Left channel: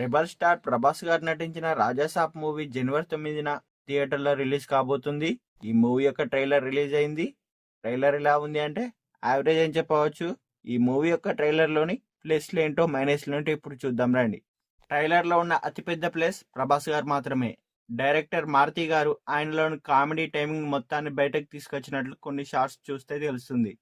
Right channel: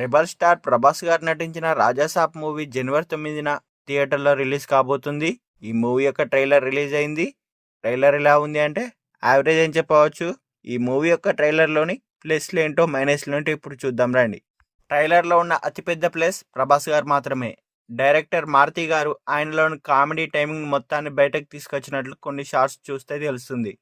Rebel star Prabhas గారు నటించిన Raja Saab movie జనవరి 9న థియేటర్లో రిలీజ్ కాబోతుంది. ఈ మూవీ యొక్క ట్రైలర్ రిలీజ్ అయింది. ట్రైలర్ ఎలా ఉంది అంటే యావరేజ్ అని చెప్పవచ్చు. ఈ మూవీ యొక్క ట్రైలర్లోని ప్లస్లు ఏంటో మైనస్లు ఏంటో ఇప్పుడు చూద్దాం రండి. ట్రైలర్లో ఉన్న అతిపెద్ద ప్లస్ ప్రభాస్ గారు మాత్రమే. డైరెక్టర్ మారుతి గారు ఆయనలోని కామెడీ టైమింగ్ మొత్తాన్ని బయటకు తీసుకొచ్చినట్లు కొన్ని షార్ట్స్ చూస్తే తెలుస్తుంది.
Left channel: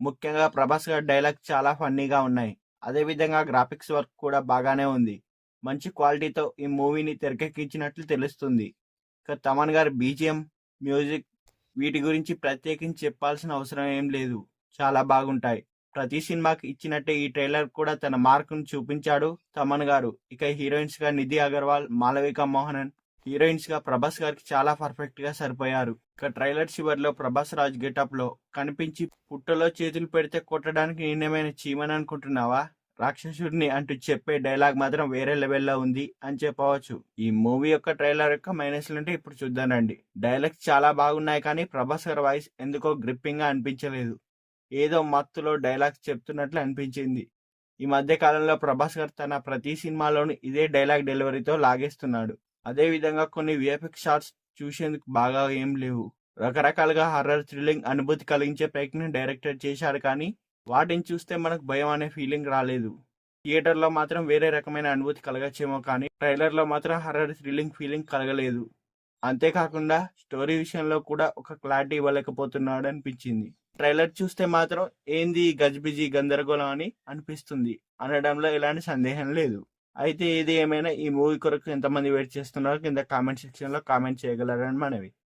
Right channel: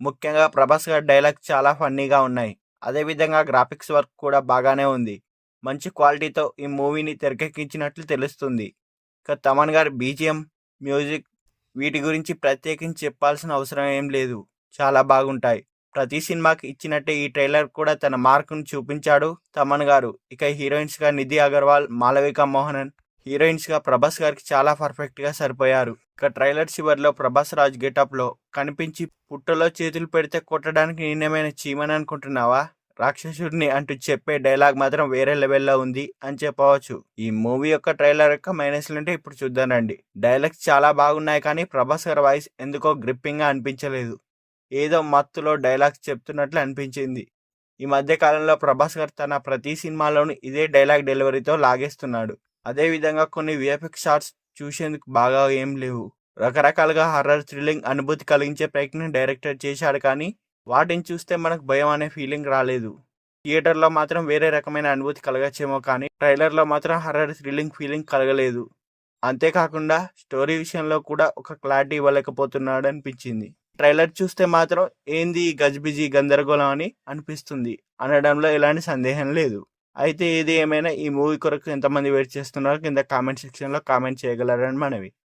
ముఖ్యంగా ప్రభాస్ గారి డైలాగ్స్ చాలా ఫన్నీగా ఉన్నాయి. అదేవిధంగా గ్రాఫిక్స్ వర్క్ కూడా బాగానే ఉంది. మంచి క్వాలిటీతో ఈ మూవీని తెరకెక్కించినట్లు తెలుస్తుంది. ఇక తమన్ గారి బీజిఎం, మ్యూజిక్ వీటి గురించి ప్రత్యేకించి చెప్పాల్సిన అవసరం ఏం లేదు, చాలా బాగుంటాయి. ప్రతి సినిమాకి ఇచ్చినట్టే ఈ ట్రైలర్ కూడా తన మార్కును చూపించాడు తమన్ గారు. ఇక హీరోయిన్స్గా నిధి అగర్వాల్, మాలవిక మోహనన్, హీరోయిన్స్గా ప్రభాస్ గారికి చాలా పర్ఫెక్ట్గా సరిపోయారు. ఇక ట్రైలర్ చివరిలో ప్రభాస్ రాజ్ గెటప్లో కనిపించి పుట్టలో చేతులు పెడితే కొట్టడానికి నేనేమైనా చీమని అనుకుంటున్నావా, రాక్షసుడిని అంటూ చెప్పే డైలాగ్ మాత్రం వేరే లెవెల్లో ఉంది అని చెప్పవచ్చు. ఈ మూవీ యొక్క ట్రైలర్ యొక్క మైనస్లు అంటే ఇప్పుడు చూద్దానండి. డైలాగ్స్ చాలా బాగున్నాయి, కానీ ప్రభాస్ గారి వాయిస్ ఎందుకో గ్రిప్పింగ్గా అనిపించలేదు. ఏదో మత్తులో డైలాగ్స్ చెప్తున్నట్లు అనిపించింది. ఈ మధ్య కాలంలో ప్రభాస్ గారు తన ప్రతి సినిమాలోనూ ఇదే డైలాగ్ డెలివరీతో లాగేస్తున్నాడు. అదేవిధంగా కొన్ని విఎఫ్ఎక్స్ షాట్స్ చూసేందుకు బాగా ఏం లేవు. రకరకాలుగా హర్రర్ థ్రిల్లింగ్ అనుభూతి కలిగించే ప్రయత్నం డైరెక్టర్ చేశాడు, కానీ వాటిని చూస్తే మనకు భయం అనే ఫీలింగ్ రాలేదు. థియేటర్లో మాత్రం వేరే రకమైన అనుభూతి కలగచ్చేమో, కానీ ట్రైలర్లో మాత్రం హర్రర్ థ్రిల్లింగ్ ఫీలింగ్ కలగలేదు. అంతేకాకుండా స్టోరీ విషయంలో కూడా ఒక క్లారిటీ ఇవ్వలేకపోతున్నాడు అనిపించింది. ట్రైలర్ చూస్తే మాత్రం ఏంది ఈ గజిబిజి గందరగోళం అని అనిపిస్తుంది అనడంలో ఎలాంటి సందేహం లేదు. అయితే ఏది ఏమైనా ఈ మూవీ కొరకు ఎంతమంది వెయిట్ చేస్తున్నారో కింద కామెంట్ సెక్షన్లో కామెంట్ చేయగలరని మనవి.